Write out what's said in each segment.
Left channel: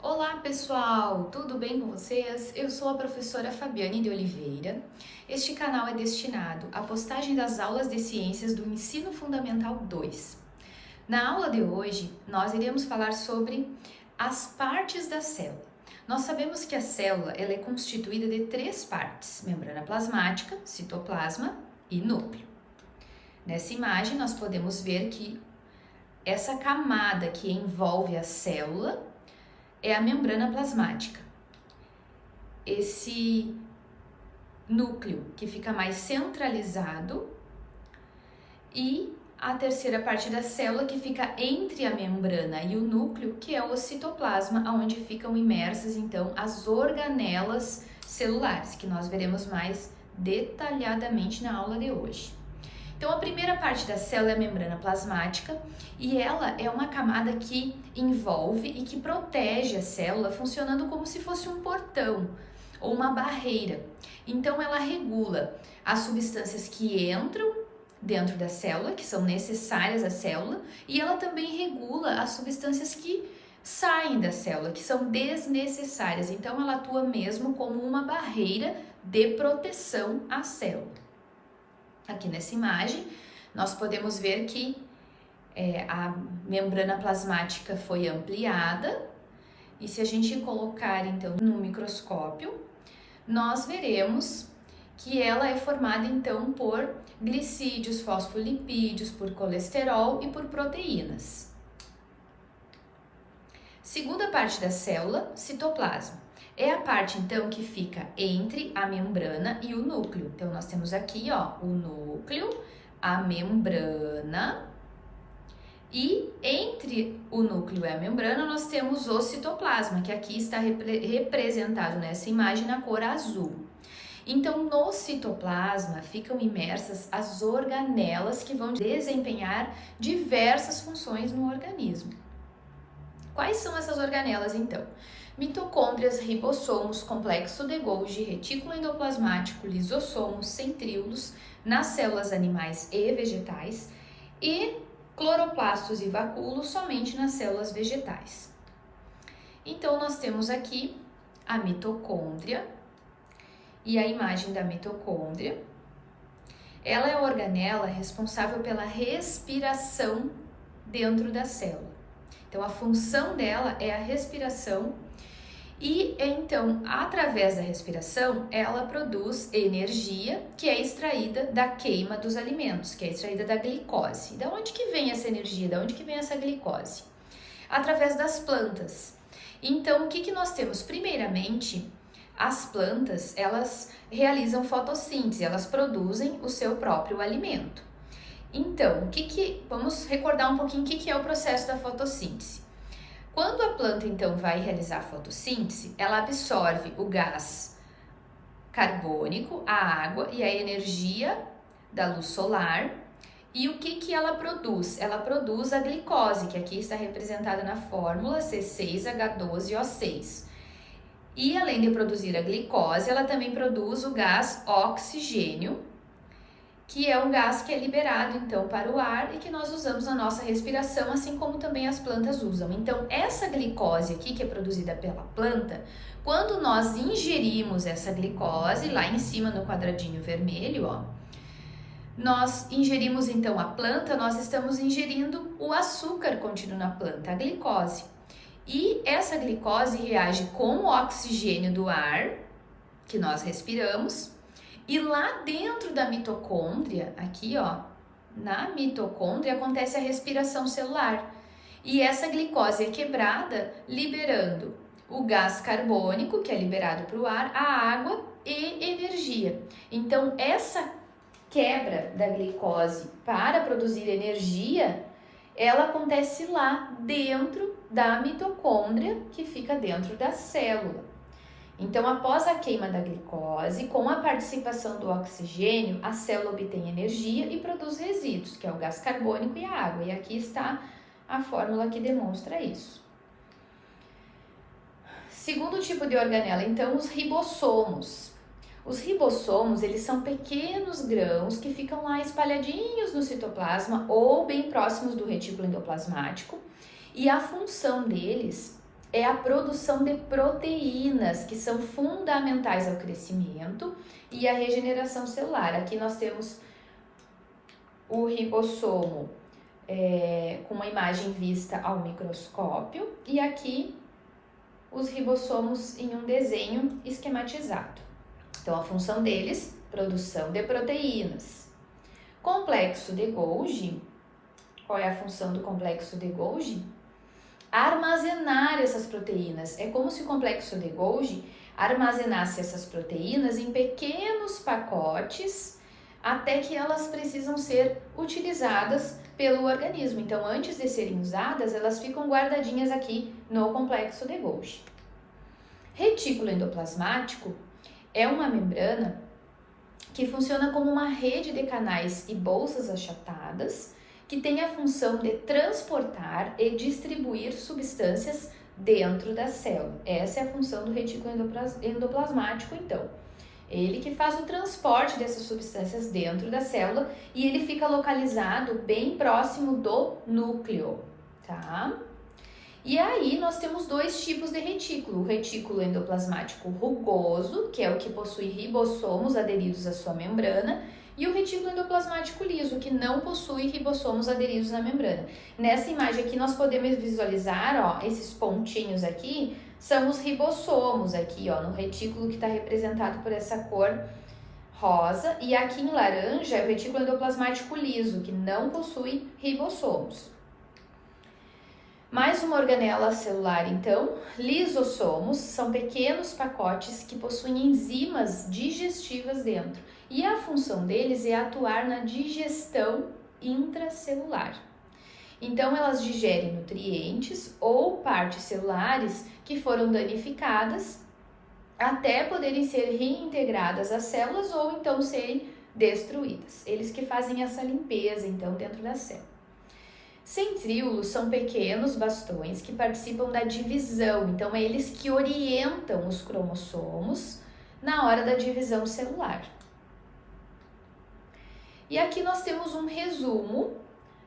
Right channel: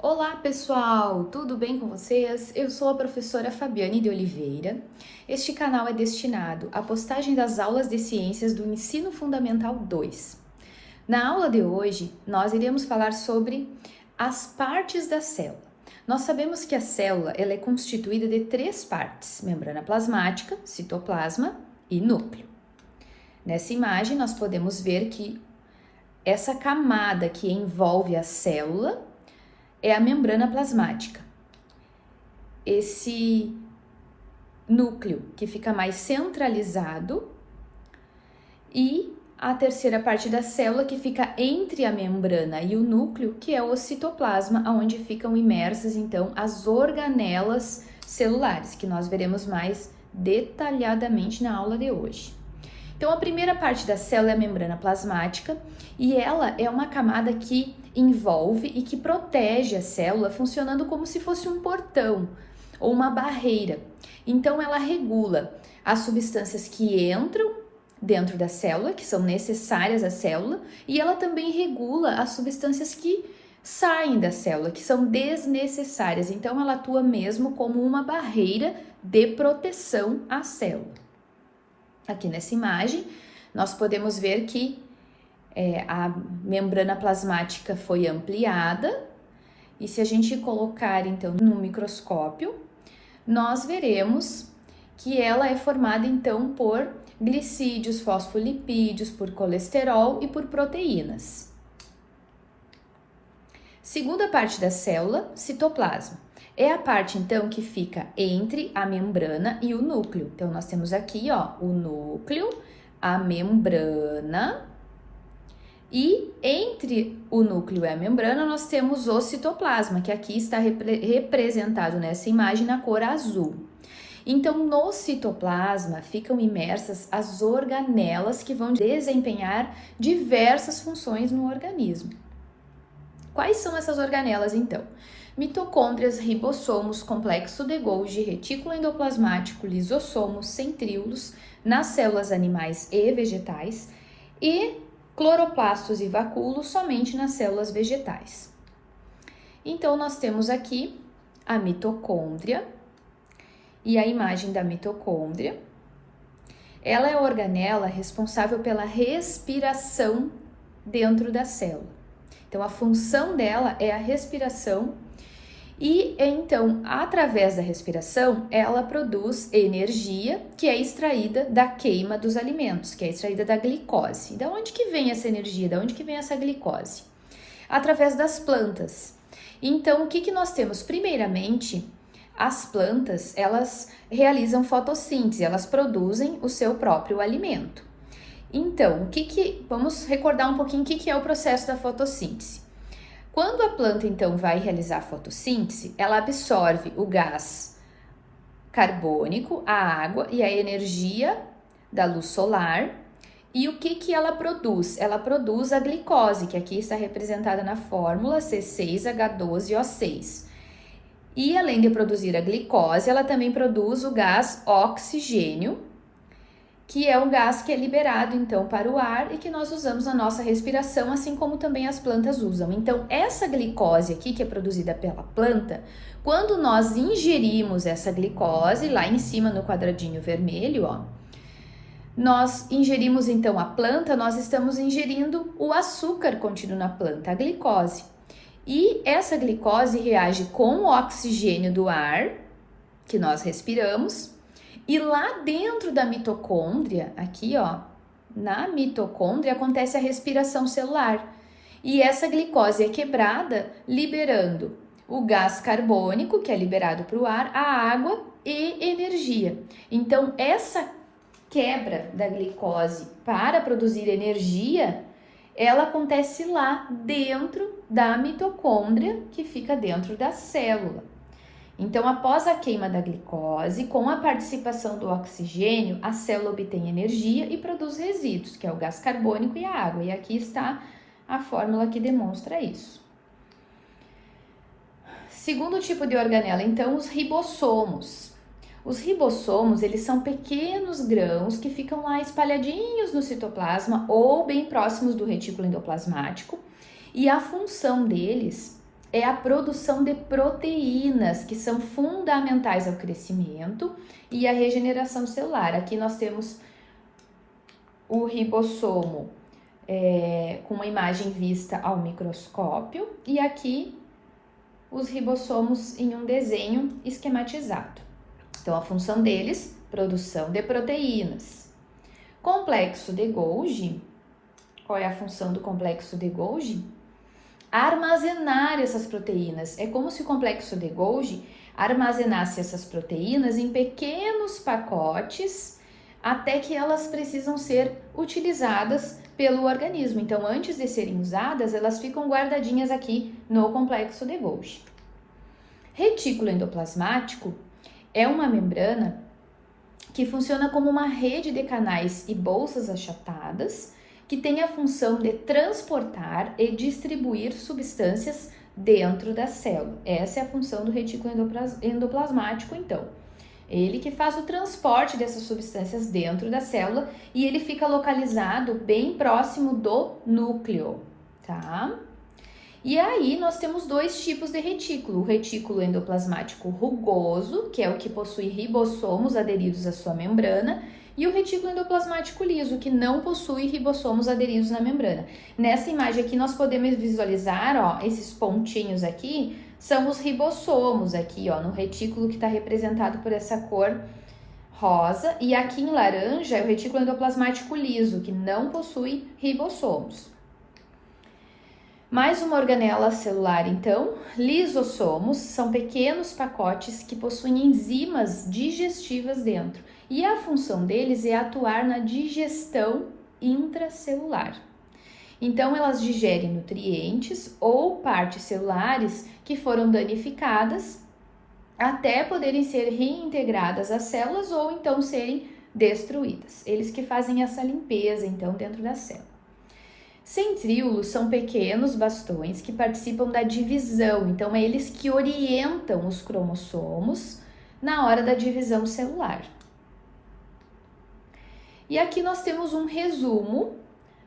Olá pessoal, tudo bem com vocês? Eu sou a professora Fabiane de Oliveira. Este canal é destinado à postagem das aulas de ciências do Ensino Fundamental 2. Na aula de hoje, nós iremos falar sobre as partes da célula. Nós sabemos que a célula ela é constituída de três partes: membrana plasmática, citoplasma e núcleo. Nessa imagem, nós podemos ver que essa camada que envolve a célula é a membrana plasmática. Esse núcleo que fica mais centralizado e a terceira parte da célula que fica entre a membrana e o núcleo, que é o citoplasma, onde ficam imersas então as organelas celulares, que nós veremos mais detalhadamente na aula de hoje. Então, a primeira parte da célula é a membrana plasmática e ela é uma camada que envolve e que protege a célula, funcionando como se fosse um portão ou uma barreira. Então, ela regula as substâncias que entram dentro da célula, que são necessárias à célula, e ela também regula as substâncias que saem da célula, que são desnecessárias. Então, ela atua mesmo como uma barreira de proteção à célula. Aqui nessa imagem, nós podemos ver que a membrana plasmática foi ampliada e se a gente colocar então no microscópio, nós veremos que ela é formada então por glicídios, fosfolipídios, por colesterol e por proteínas. Segunda parte da célula, citoplasma. É a parte, então, que fica entre a membrana e o núcleo. Então, nós temos aqui, ó, o núcleo, a membrana, e entre o núcleo e a membrana, nós temos o citoplasma, que aqui está representado nessa imagem na cor azul. Então, no citoplasma ficam imersas as organelas que vão desempenhar diversas funções no organismo. Quais são essas organelas, então? Mitocôndrias, ribossomos, complexo de Golgi, retículo endoplasmático, lisossomos, centríolos nas células animais e vegetais e cloroplastos e vacúolos somente nas células vegetais. Então, nós temos aqui a mitocôndria e a imagem da mitocôndria. Ela é a organela responsável pela respiração dentro da célula. Então, a função dela é a respiração e, então, através da respiração, ela produz energia que é extraída da queima dos alimentos, que é extraída da glicose. Da onde que vem essa energia? Da onde que vem essa glicose? Através das plantas. Então, o que que nós temos? Primeiramente, as plantas, elas realizam fotossíntese, elas produzem o seu próprio alimento. Então, vamos recordar um pouquinho o que é o processo da fotossíntese. Quando a planta, então, vai realizar a fotossíntese, ela absorve o gás carbônico, a água e a energia da luz solar. E o que ela produz? Ela produz a glicose, que aqui está representada na fórmula C6H12O6. E além de produzir a glicose, ela também produz o gás oxigênio, que é um gás que é liberado, então, para o ar e que nós usamos na nossa respiração, assim como também as plantas usam. Então, essa glicose aqui, que é produzida pela planta, quando nós ingerimos essa glicose, lá em cima no quadradinho vermelho, ó, nós ingerimos, então, a planta, nós estamos ingerindo o açúcar contido na planta, a glicose. E essa glicose reage com o oxigênio do ar, que nós respiramos, e lá dentro da mitocôndria, aqui ó, na mitocôndria acontece a respiração celular. E essa glicose é quebrada, liberando o gás carbônico, que é liberado para o ar, a água e energia. Então, essa quebra da glicose para produzir energia, ela acontece lá dentro da mitocôndria, que fica dentro da célula. Então, após a queima da glicose, com a participação do oxigênio, a célula obtém energia e produz resíduos, que é o gás carbônico e a água. E aqui está a fórmula que demonstra isso. Segundo tipo de organela, então, os ribossomos. Os ribossomos, eles são pequenos grãos que ficam lá espalhadinhos no citoplasma ou bem próximos do retículo endoplasmático. E a função deles é a produção de proteínas, que são fundamentais ao crescimento e à regeneração celular. Aqui nós temos o ribossomo com uma imagem vista ao microscópio e aqui os ribossomos em um desenho esquematizado. Então, a função deles, produção de proteínas. Complexo de Golgi, qual é a função do complexo de Golgi? Armazenar essas proteínas. É como se o complexo de Golgi armazenasse essas proteínas em pequenos pacotes até que elas precisam ser utilizadas pelo organismo. Então, antes de serem usadas, elas ficam guardadinhas aqui no complexo de Golgi. Retículo endoplasmático é uma membrana que funciona como uma rede de canais e bolsas achatadas que tem a função de transportar e distribuir substâncias dentro da célula. Essa é a função do retículo endoplasmático, então. Ele que faz o transporte dessas substâncias dentro da célula e ele fica localizado bem próximo do núcleo, tá? E aí nós temos dois tipos de retículo, o retículo endoplasmático rugoso, que é o que possui ribossomos aderidos à sua membrana, e o retículo endoplasmático liso, que não possui ribossomos aderidos na membrana. Nessa imagem aqui nós podemos visualizar, ó, esses pontinhos aqui são os ribossomos aqui, ó, no retículo que está representado por essa cor rosa, e aqui em laranja é o retículo endoplasmático liso, que não possui ribossomos. Mais uma organela celular, então, lisossomos são pequenos pacotes que possuem enzimas digestivas dentro e a função deles é atuar na digestão intracelular. Então, elas digerem nutrientes ou partes celulares que foram danificadas até poderem ser reintegradas às células ou então serem destruídas. Eles que fazem essa limpeza, então, dentro da célula. Centríolos são pequenos bastões que participam da divisão, então é eles que orientam os cromossomos na hora da divisão celular. E aqui nós temos um resumo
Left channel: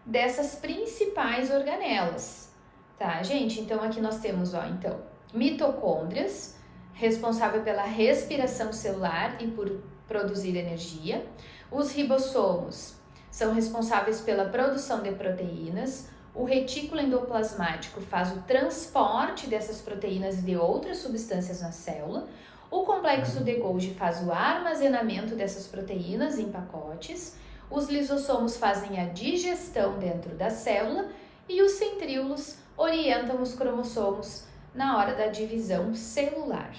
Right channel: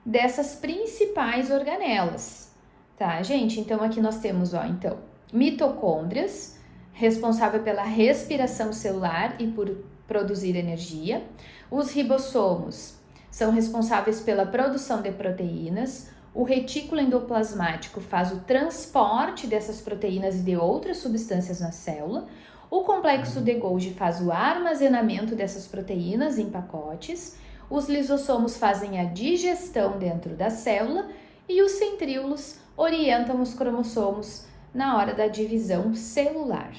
dessas principais organelas, tá, gente? Então aqui nós temos, ó, então, mitocôndrias, responsável pela respiração celular e por produzir energia. Os ribossomos são responsáveis pela produção de proteínas. O retículo endoplasmático faz o transporte dessas proteínas e de outras substâncias na célula. O complexo de Golgi faz o armazenamento dessas proteínas em pacotes. Os lisossomos fazem a digestão dentro da célula e os centríolos orientam os cromossomos na hora da divisão celular.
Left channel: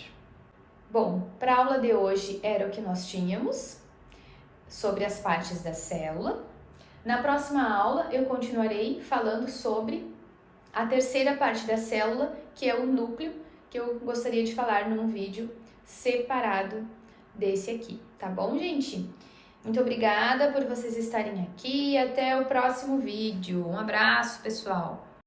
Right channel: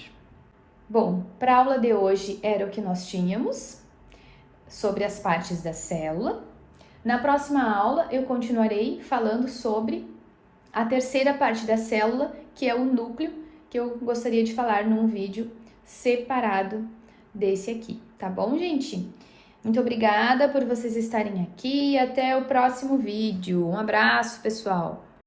Bom, para a aula de hoje era o que nós tínhamos sobre as partes da célula. Na próxima aula eu continuarei falando sobre a terceira parte da célula, que é o núcleo, que eu gostaria de falar num vídeo separado desse aqui, tá bom, gente? Muito obrigada por vocês estarem aqui e até o próximo vídeo. Um abraço, pessoal!